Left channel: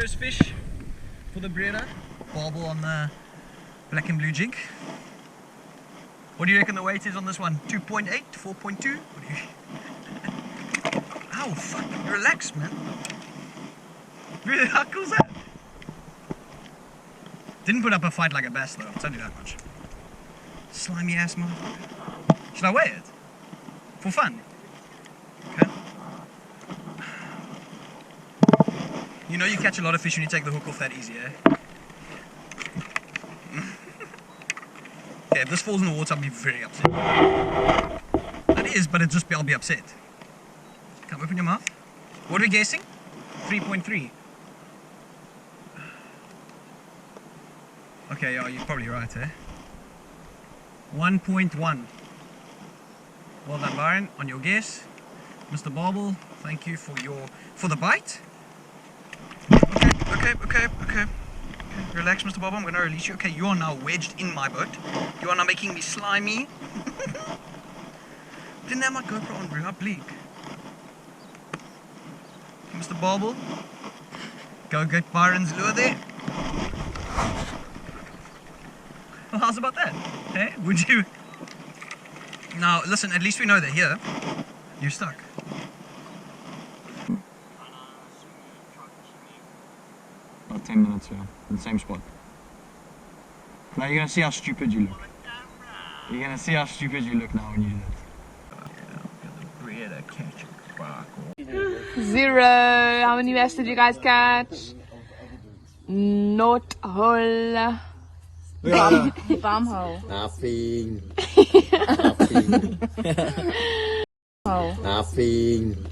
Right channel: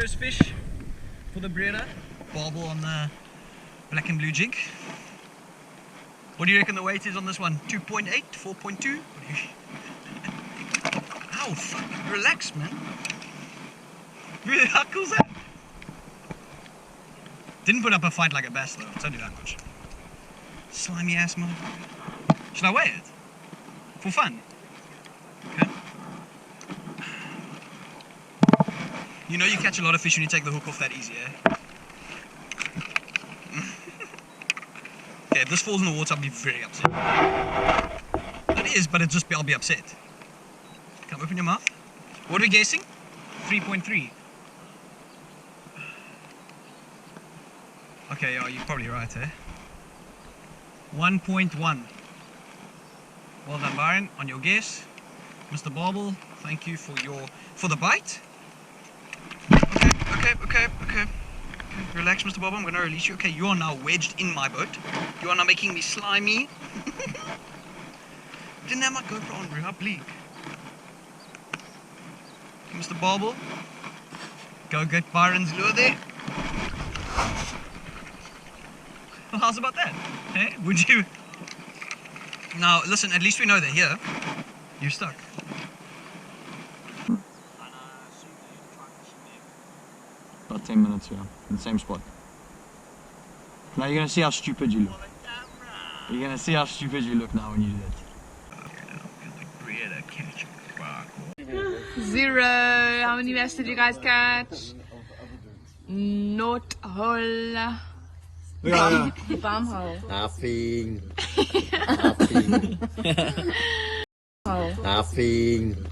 first fish for the Breede. Barbel on the black and blue jig. What do you reckon the weight is on this one? 2.8? 4.2? What do you... Ow, fuck. Relax, man. Really, how cool is that? Didn't put up a fight like a bass, though. I'll tell you that much. Slimy ass motherfucker. Should I weigh it? For fun? Okay. You know you catch a lot of fish when you take the hook off that easy, eh? Yeah, if this falls in the water, I'll be very upset. That is, but I'll be upset. Come, open your mouth. What are we guessing? 3.3. Okay, yeah, you're probably right, eh? 1.1. Well done, Byron, on your guess. Mr. Barbel, thank you for the bite. Okay. Relax, Mr. Barbel, I'm going to release you. Okay, you are now wedged in my boat. You are now making me slimy. Didn't have my GoPro on, bro. How bleak. Okay, Mr. Barbel, go get Byron's lure there. Well, how's about that? Hey, would you? Now, listen, at least we know that here, you're stuck. About 10 minutes, yeah, in the same spot. Now you're going to see how stupid you look. You're going to see how stupid you look now when you do it. 0. How many bass did you guys catch? Not whole. Ja. Farmhole. Nothing. Hole. Nothing.